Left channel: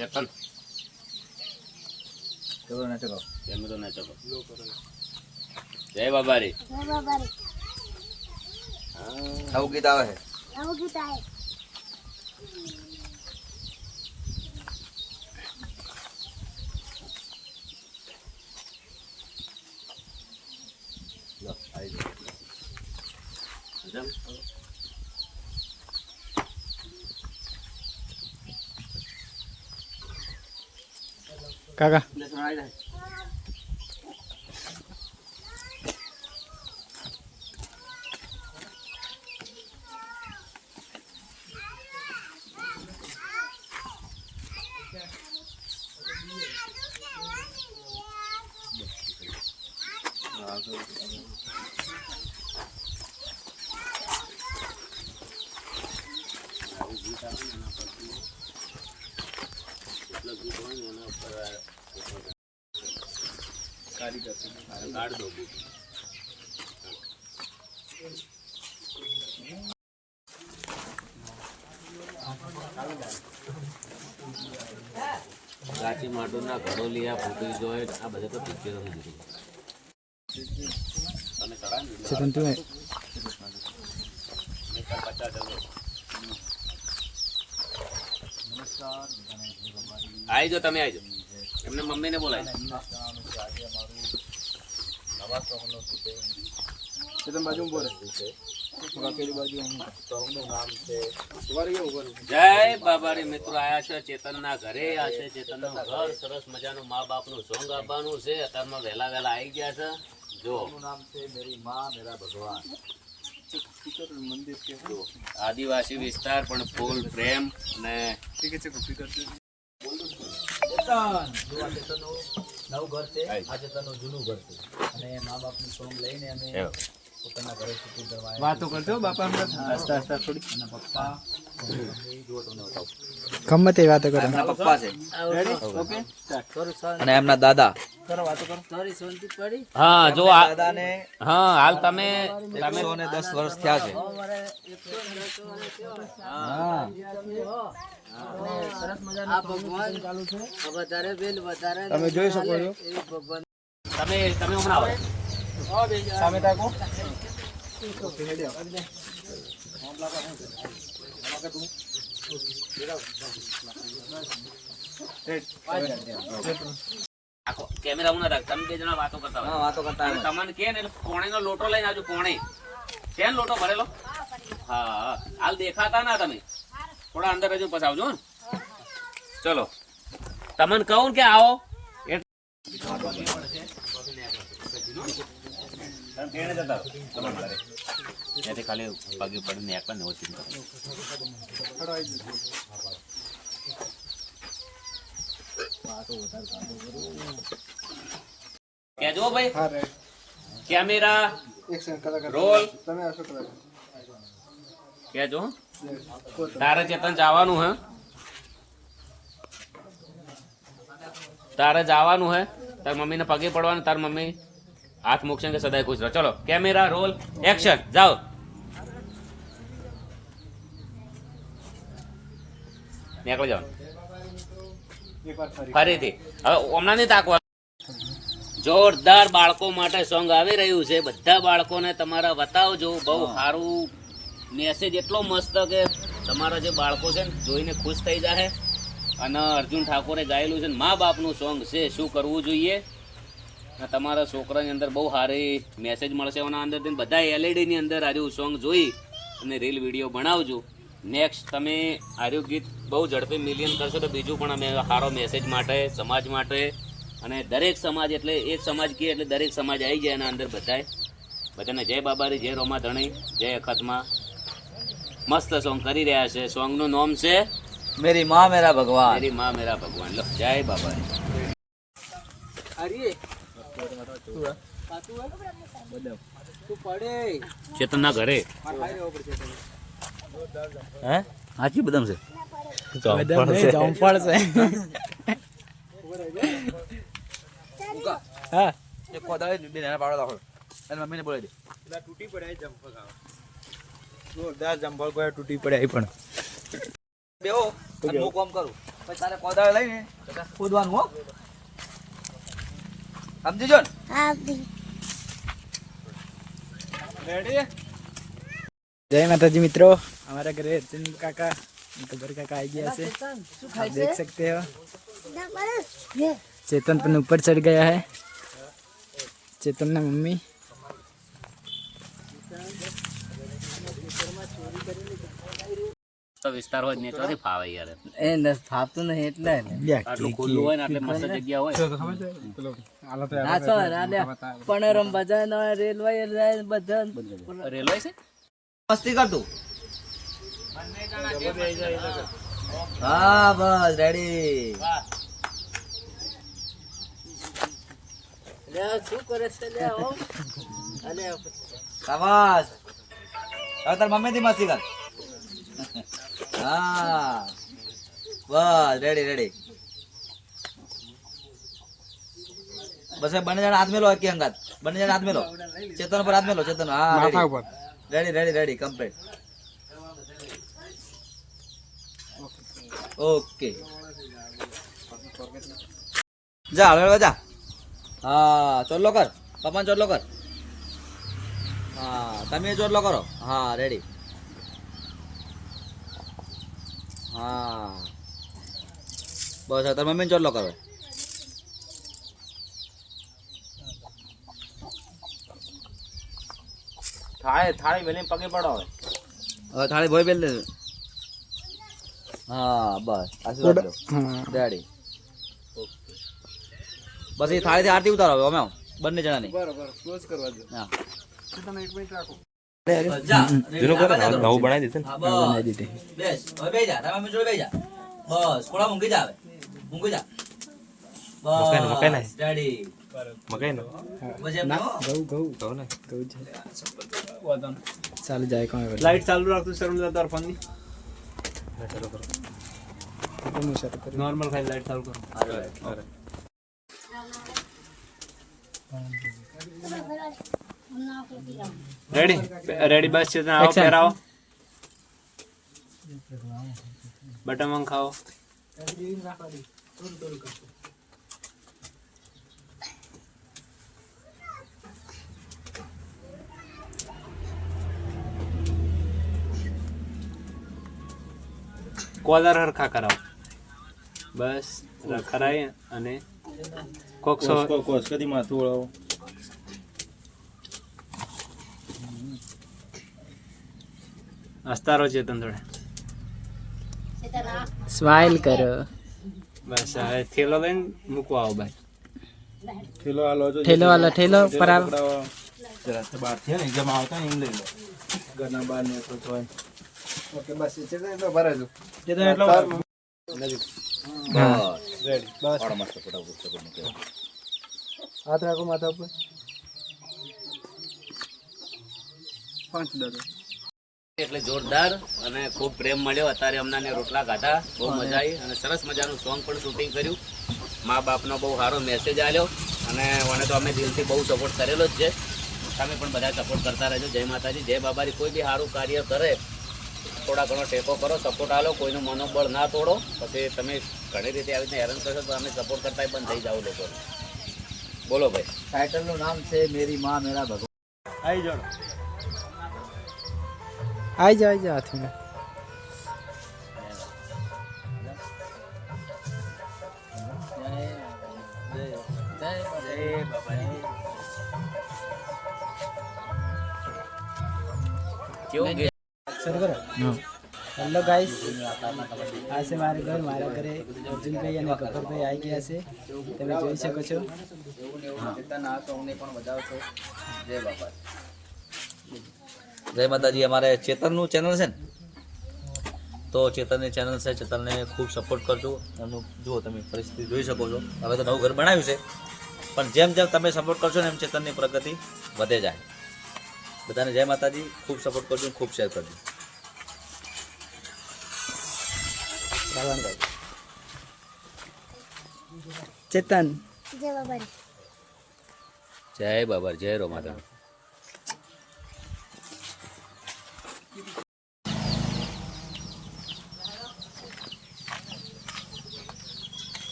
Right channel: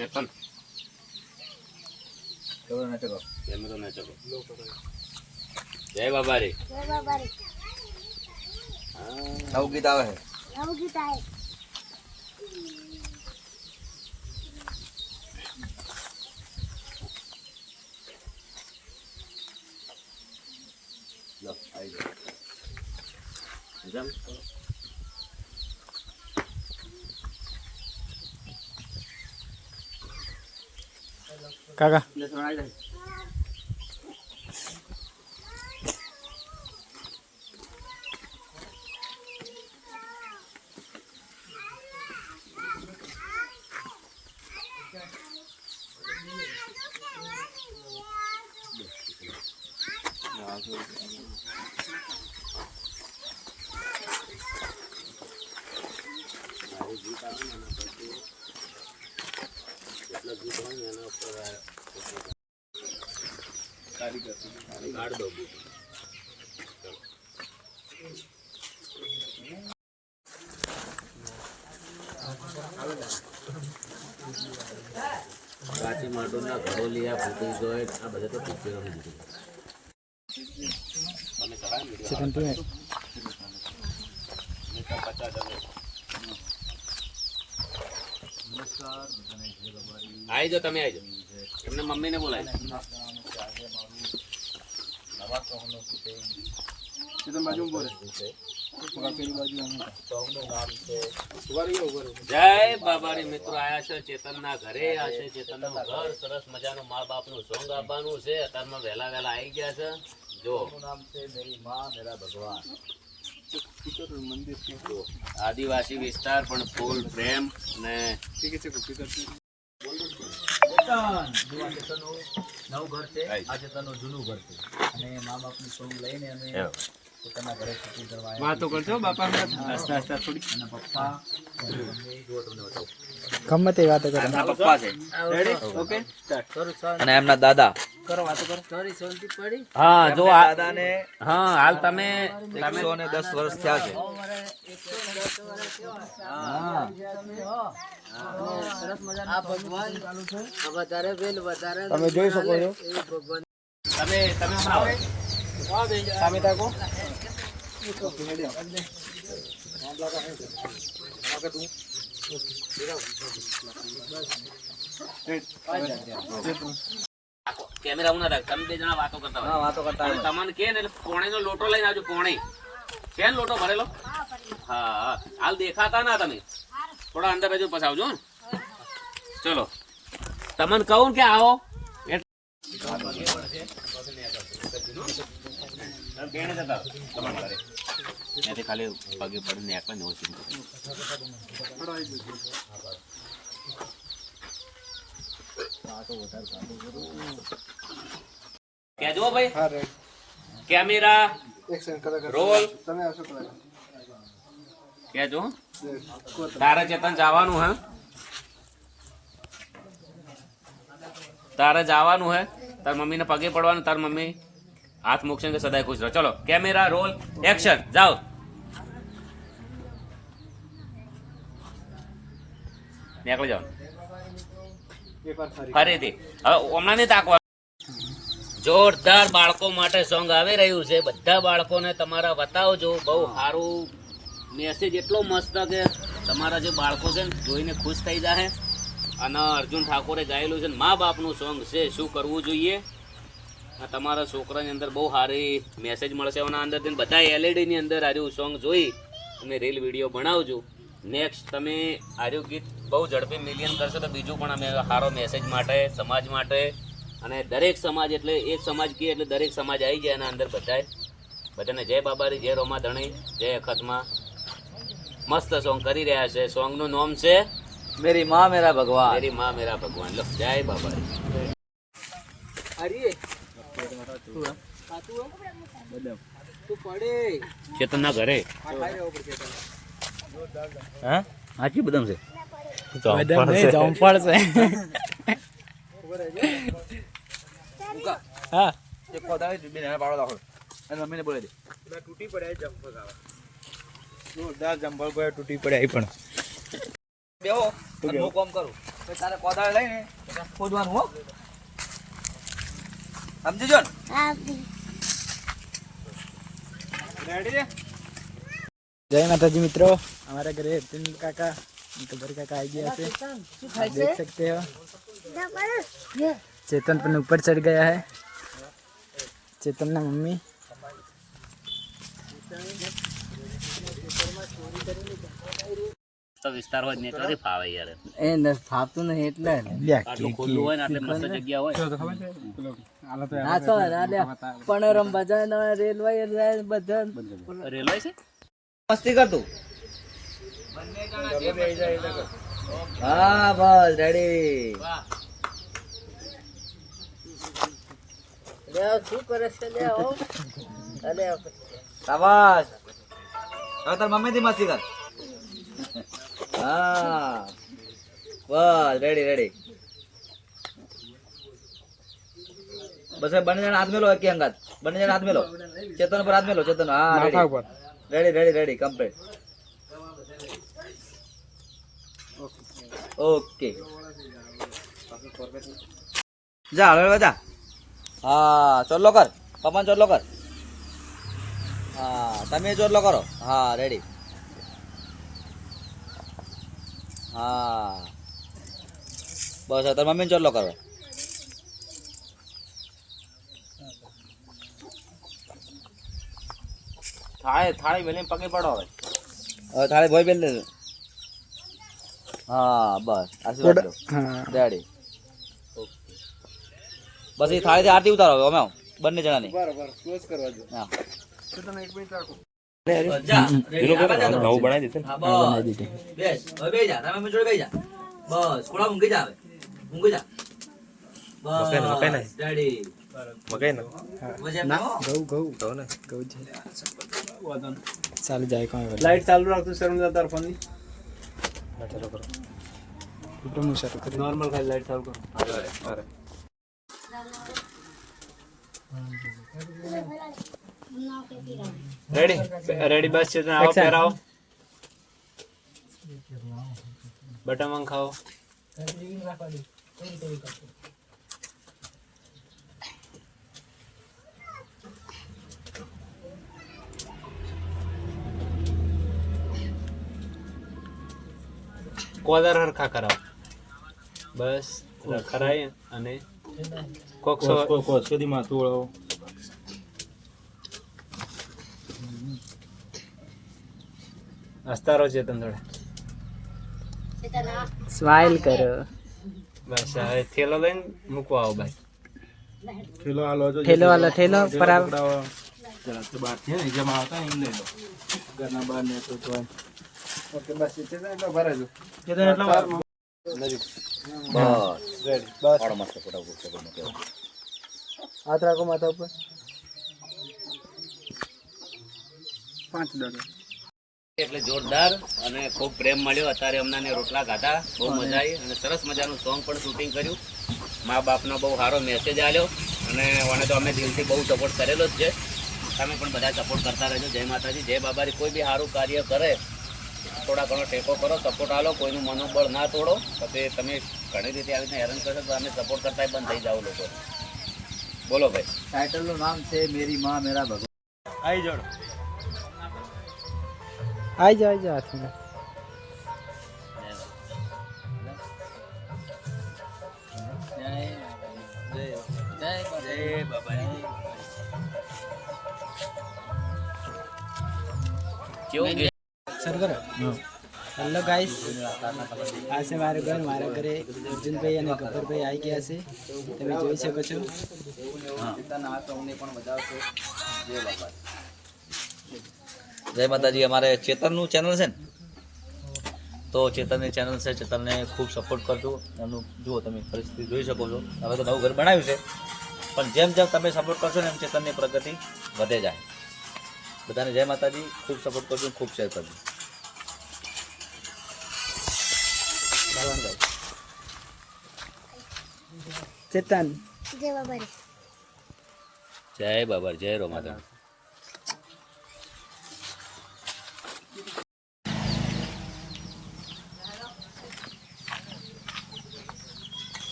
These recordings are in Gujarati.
ચેતન તો નચકો એમ તો નચકો જય બાબારી જય બાબારી. આવું ગીત આવે છે. નવું ગીત આવે. લો આવી ગયો. જમ કાકા એટલે તો આવી જાય. કાઢ દો કાચી માટુના ઘડોલિયા ફૂટી જોઈ આ બધા તો પિક્ચરો દીધી તમે કરાય ને ચેતન તું નમસ્કાર બધાને જય બાબારી. આવી જાઓ તમે આવી જાઓ એમને મમ્મીને બોલાય આજે અમારું નવા સોંગનો શૂટિંગ ચેતન બાજુ બોલે પેલી બાજુ સોંગનું નામ છે જય બાબારી મિત્રો આયા છે ચેતનના ઘરે આ છે ચેતનનું ઘર સરસ મજાનું મા બાપનું સોંગ આપવાનું છે અત્યારમાં વહેલા વહેલા આવી ગયા છે જો સોંગનું નામ છે મેરી માં મેરા ભગવાન. મંદિર કે આદિવાસી વિસ્તાર પણ ફૂલ પ્રેમ અને ચેતન જો આ ચેતનનું નવું ઘર છે, આ ચેતનનું જૂનું ઘર છે અને મા બાપનું સોંગ લઈને અમે પોતાના ઘરે શૂટિંગ કરવા આવ્યા. વાતો કરજો બાપા હમણાં આસ્તા આસ્તા થોડી અને પપ્પા મમ્મી જો તમને બતાવું. ગમે તે વાતો કરો એમના પપ્પા છે. રેડી? Okay start. અને એમના દાદા કરો વાતો કરો. હા જો દાદાને હા હાલ તમે 110 વર્ષ થયા છે. તમે જોઈ શકો છો. તમે હમણાં આવો સામે તાકો કેમેરા ઉના રાખ તમે બે જણા વાતો કરતા હા વાતો કરતા હોય તમને કે ને એટલે પોણીનો લોટો લઈને આવજો પોણી છે ને લોટો ભરેલો હા હા હાલ દેખાતા ના તમે થોડા અંદર હજુ પછી આવજો ને ચલો તમને કહું કે આવો ખાલી પગે પડીને એક પણ ઓછી કેજો ભાઈ કેમેરા રોલ કેજો તારે ચેતન જવાનું હે તારે જવાનું હે તાર મમ્મીને પગે પડવાનું તાર મમ્મી હાથ મૂકશે કે સદાય ખુશ રહો ચલો કેમેરા રોલ એક્શન જાઓ નીકળી જાઓ ફરીથી હવે હમણાં નહીં તાકવા જોરદાર બાળકો માટે સોંગ આવી રહ્યું છે બધા બાળકોને તમારા બતાવજો બહુ સારું મેસેજ એટલો મસ્ત કે તમારા જે બાળકો છે ને જોઈને ખુશ થઈ જાય અને અર્જુન ઠાકોરે ગાયેલું છે મા બાપનું સોંગ છે શું કરવું જોઈએ તમારા છોકરાની અંદર બહુ સારી મેસેજ મળશે એના અંદર બધા એલઈડીની અંદર આર્યું સોંગ જોઈ અને રીલ વિડીયો બનાવજો નેક્સ્ટ તમે આર્યું ગીત બહુ ઝડપી મિલિયન કરશો તો બીજું પણ અમે સારો મેસેજ માટે સમાજ માટે અને દરેક સમાજ એટલે એક સમાજ કહીએ એટલે દરેક સમાજ આવી જાય એના અંદર બધાને જય બાબારી જય રોમા ધણી જય અખતમાં મસ્ત સોંગ કરી રહ્યા છે સોંગનું નામ છે મેરી માં મેરા ભગવાન. મેરી માં મેરા ભગવાન લો જય બાબારી ચેતનના ઘરે હા હાચી બદામ છે. જમફળ છે હા એક કોદાળી બે નાના પાડો રાખો અને મમ્મીને બોલાવી દે. તૂટી પડે જમફળ જોરદાર જમફળ કોઈ તૂટી પડે પણ બેહો હું કામ કરું. પછી તારે કોદાળ લઈને ખોદવાનું હો સમજી જો ને जय माता जी मित्रों, हमारे घरे तीन काका गबर काका आ गया से आप देख सकते हो। चेतन पर ऊपर चढ़ गया है, चेतन ना मम्मी। તો વિસ્તાર હોય ને ચોથી ફાવે યાર એ ન ફાતું નહીં એટલે આટલું ખુલ્લું હોય ને આટલે મસ્ત જગ્યા હોય ના તો પનોરમ બજાર રેલવે બધા રેલવે છે મસ્તી કર તું હા બસ રેડી લે શું કરે છે લે હો અલે શાબાશ હવે તાર મમ્મી થી મસ્તી કર હા બસ રેડી રેડી બસ હવે બંને જણા હાથ મેલો એકી અંગાત બંને જણા હાથ મેલો ચેતન પર હાથ મેલો ચેતન હા ready ready ready complete okay જા હવે જા હા ચોટલો કર પપ્પાને ચોટલો કર હા તમે ચોટલો કરો હા રેડી હા બસ તાર મમ્મીને ચોટલો કરો થાળી વેલી પગે પડો હવે હવે થાળી ભોય પેલ હા બસ આશીર્વાદ લો રેડી ઓકે બસ એ થાળીથી આરતી ઉતારો હવે અમે બંને જણાની બરાબર ક્લોઝ કરવા દો હા તમે 1 મિનિટ રાખો નવું બનાવી દીધું બેસ હવે બેહી જા તમે જોડે બેહી જા બસ કોળા ઊંઘી જા હવે ઊંઘી જા બસ રેડી મકાઈ ના ઘઉં છે ચાલુ જાય કોણ લાઈટ ચાલુ રાખતું શર્મજા તાર ફોન ની ચાલુ કરો તો હું શરૂ કરું નોર્મલ ખાલી લાઈટ ચાલુ કરો અરે રેડી બસ છે આવો પહેરાવો બટન ખાઓ કોલર હરખા કરાવો બસ ખરાય અને કોક્સ કદી માથું વળાવો હસતા રહો ચેતન થોડા સ્માઈલ કરો બસ હવે થેલો લઈને મૂકવા આવો ભાઈ થેલો આલો થેલો પર આવો જરા બહાર છે ને જમા આવતા એમ લઈ લો ઘરના બહાર ને તો ઓકે બસ ચેતન એટલો ભરે જો ચેતન એટલો નજીક બસ રેડી બસ પાડો મસ્ત ફોટા મૂકે હાથ રાખો માથા ઉપર 5 ડોલર એટલે જોરદાર અને ખૂબ પ્રેમ મળ્યો અત્યારે અમને રોટલા ખાધા બહુ મજા આવી અને સરસ મજાનું સોંગ પણ શૂટિંગ કર્યું મા બાપનો બહુ સારો મેસેજ આવ્યો અને મને તો અમે દિલથી બહુ સપોર્ટ કરેલો જ છે તમે પણ બધા સપોર્ટ કરતા રહેજો જય માતાજી જય બાબાજી કોઈ બી સારું કાર્ય કરે થોડા ઘણો ટેકો કરો સપોર્ટ આલો કોઈનું મનોબળ ના તોડો પછી તમે ઘણી રીતે આવીને હેરાન કરશો તો અમે સપોર્ટ કરતા બંધ થઈ જાવ લોકો બોલો ભાઈ ટાઇટલનું નામ છે મેરી માં મેરા ભગવાન આવી જાઓ आई जा हाथ में हेलो गाइस आज से मारे घर मारा घरे अर्जुन भाई અને ગબ્બર ભાઈ આવી ગયા છે તમે જોઈ શકો છો જય માતાજી અમારે ચેતનનું ચેનલ છે ને તો ચેતનની ચેનલ છે ચેતનને ખૂબ સપોર્ટ કરજો એમનું જુઓ તમે પરિસ્થિતિ જોઈ શકો છો હવે તો નવું ઘર બનાવ્યું છે પણ જેમ જેમ તમે સપોર્ટ કરશો ને એમ ચેતનની પ્રગતિ વધે જાય બધાને જય માતાજી ખૂબ સપોર્ટ કરજો ખૂબ શેર કરજો ચેતન જય બાબા જય રો માતા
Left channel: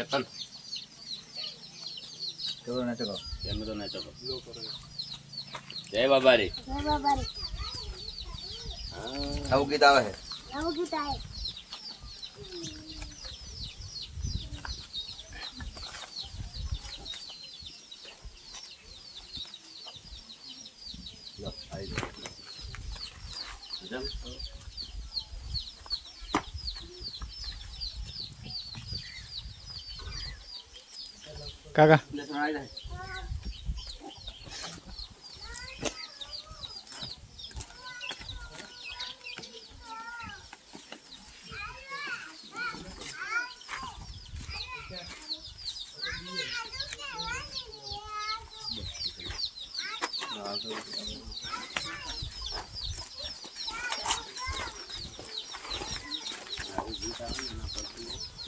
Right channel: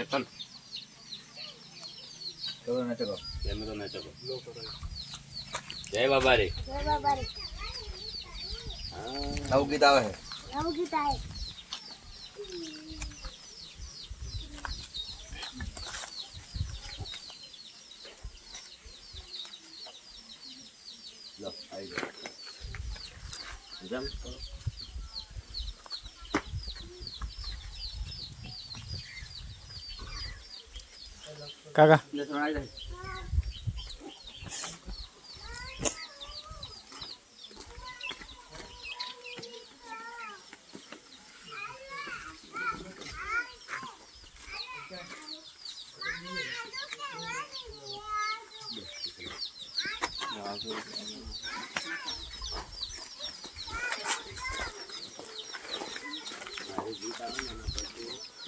ચેતન ચલો ને ચલો એમ તો ન ચલો જય બાબારી આવું ગીત આવે છે લો આવી ગયો જમ કાકા એટલે તો આવી જાય